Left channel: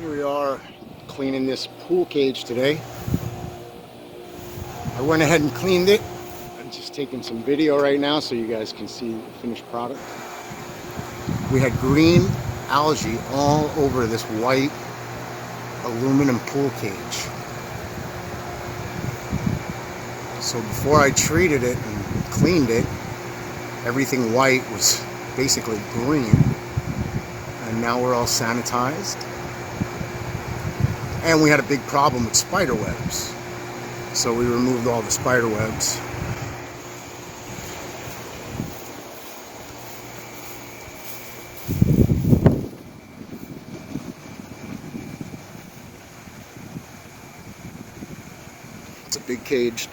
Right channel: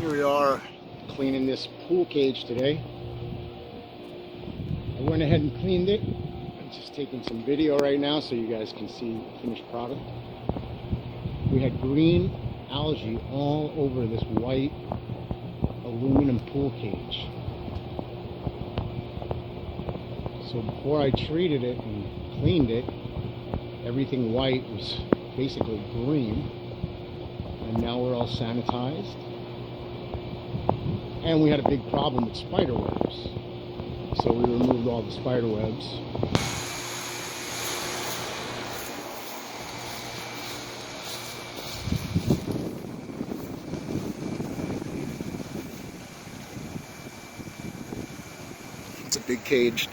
Here we are cleaning this pool cage today. I went ahead and cleaned it. I'm just taking some video right now so you guys can see the finished product. We had green algae all over this white aluminum pool cage. So before I treated it and cleaned it, everything white was basically green. And now we're all sanitized. And we had a big problem with spider webs. So we removed all the spider webs. It's a big cage.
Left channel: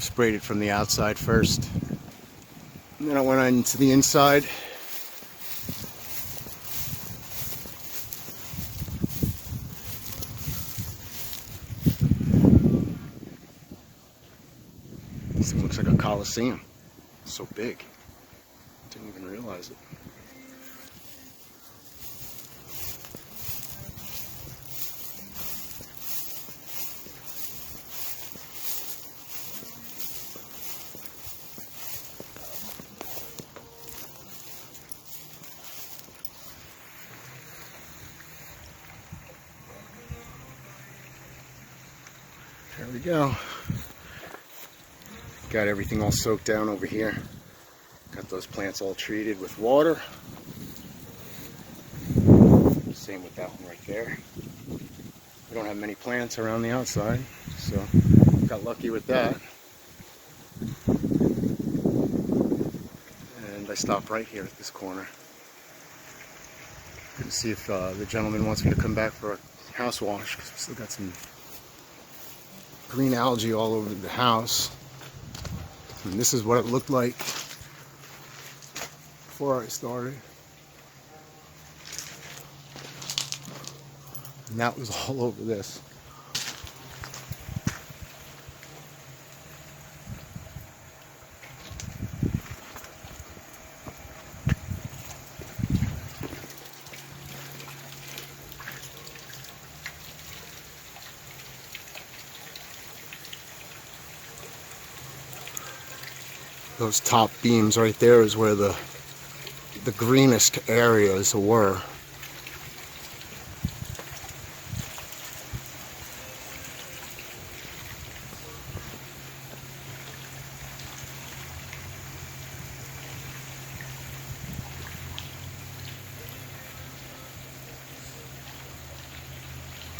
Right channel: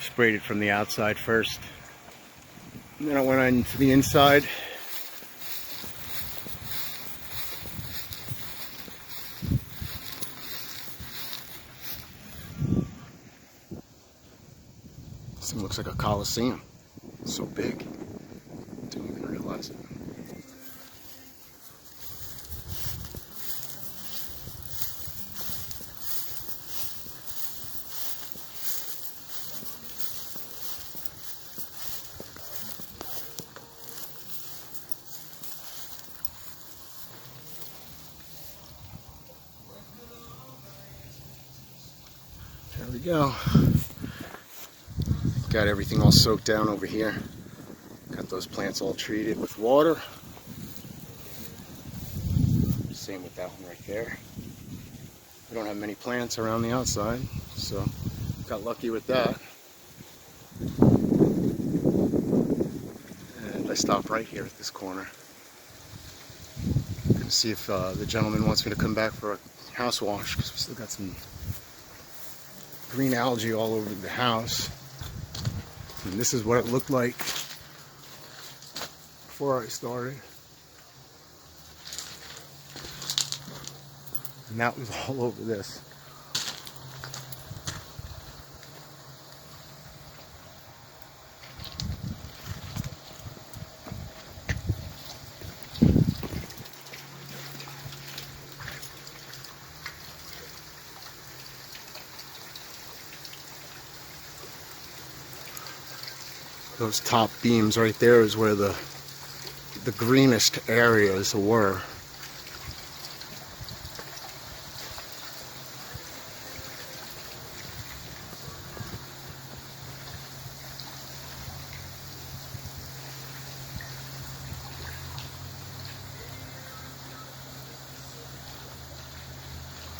Sprayed it from the outside first, and then I went on to the inside. This thing looks like a coliseum. It's so big. Didn't even realize it. There we go. Got everything all soaked down over here. Got those plants all treated with water. Same with that one right there. We don't have many plants around the outside, so got lucky with that. And I stopped right here at this corner. Gonna see if the gentleman wants me to come back for a house wash, because we still got some green algae all over the house. And this is what it looked like before I started. And that was all over this. Those top beams right there is where the greenest areas were.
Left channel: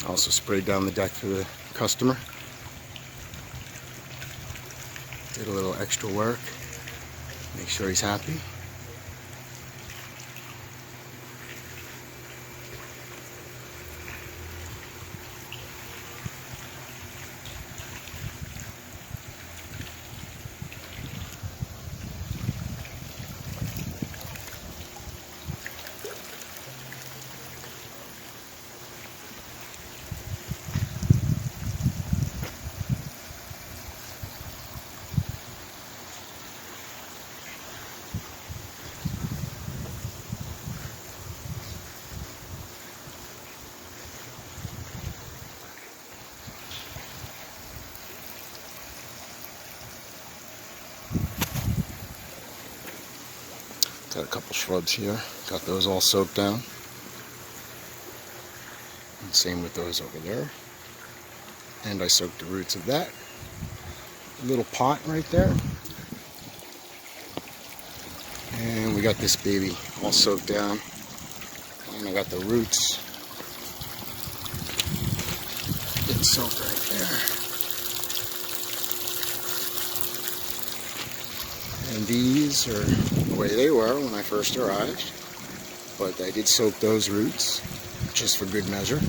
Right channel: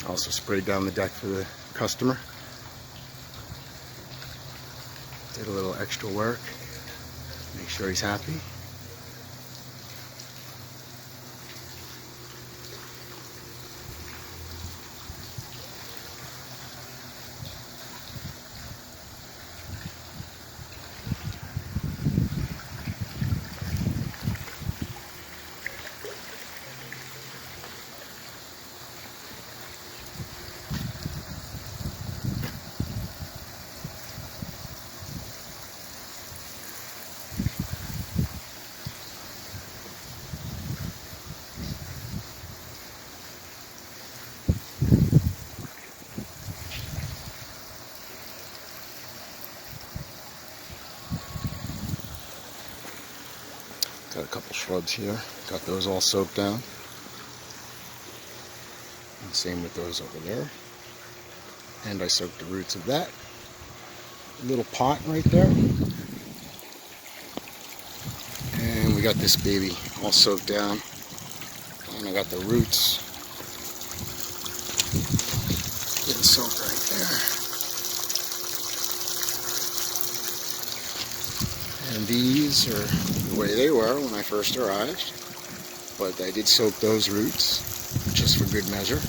Also sprayed down the deck for the customer. Did a little extra work. Make sure he's happy. Got a couple shrubs here. Got those all soaked down. And same with those over there. And I soaked the roots of that. Little pot right there. And we got this baby all soaked down. And I got the roots getting soaked right there. And these are the way they were when I first arrived. But I did soak those roots just for good measure.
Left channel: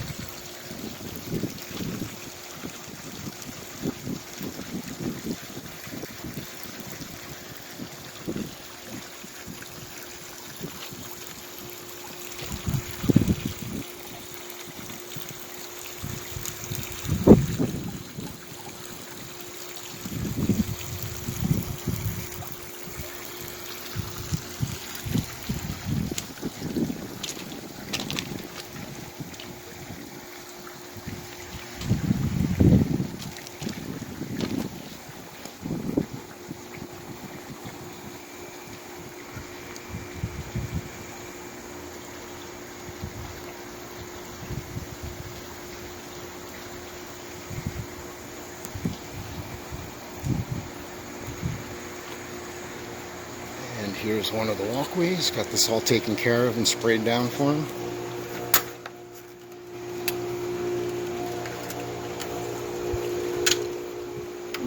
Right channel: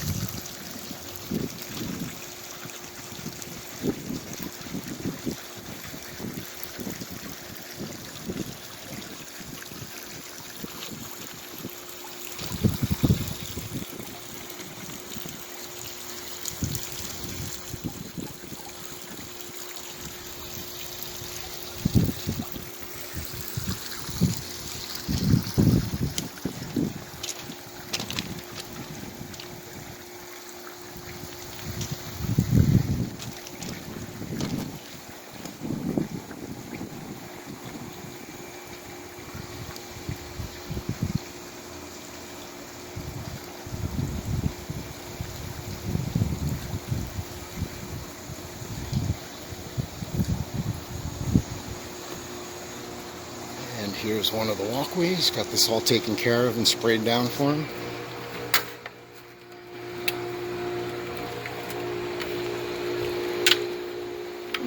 Here's one of the walkways. Got this all taken care of and sprayed down for him.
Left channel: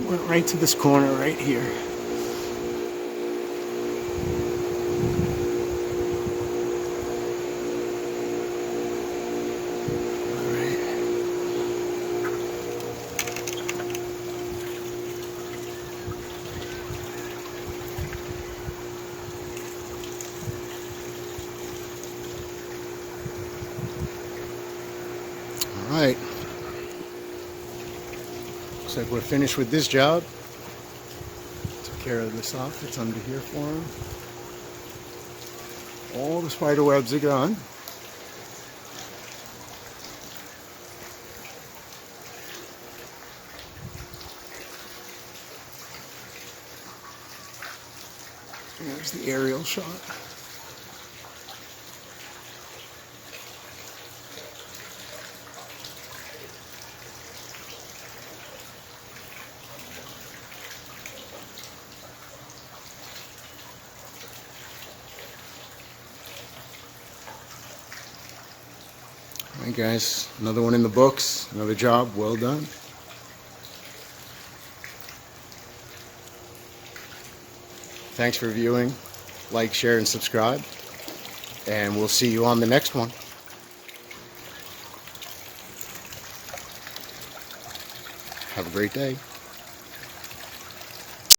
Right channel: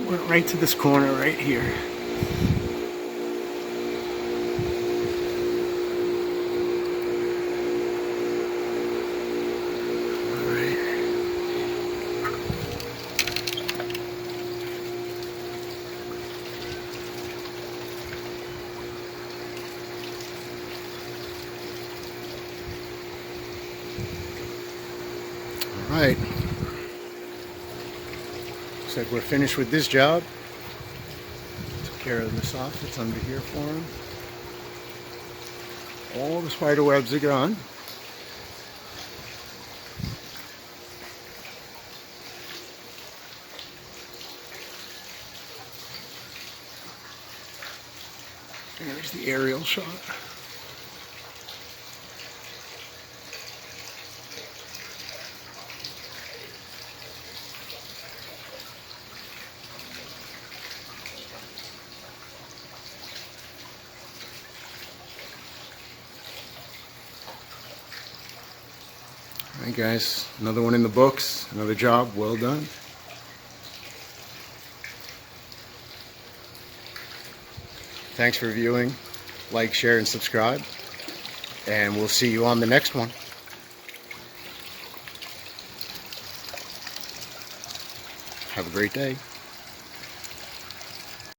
Went right to this corner right here. All right. Looks like we're finished with this job. Took care of the soft that's under here for him. All the spider webs are gone. There's the aerial shot. All right, guys, another one in the books, another job well done. Thanks for viewing. Like, share, and subscribe. And we'll see you on the next one. Have a great day.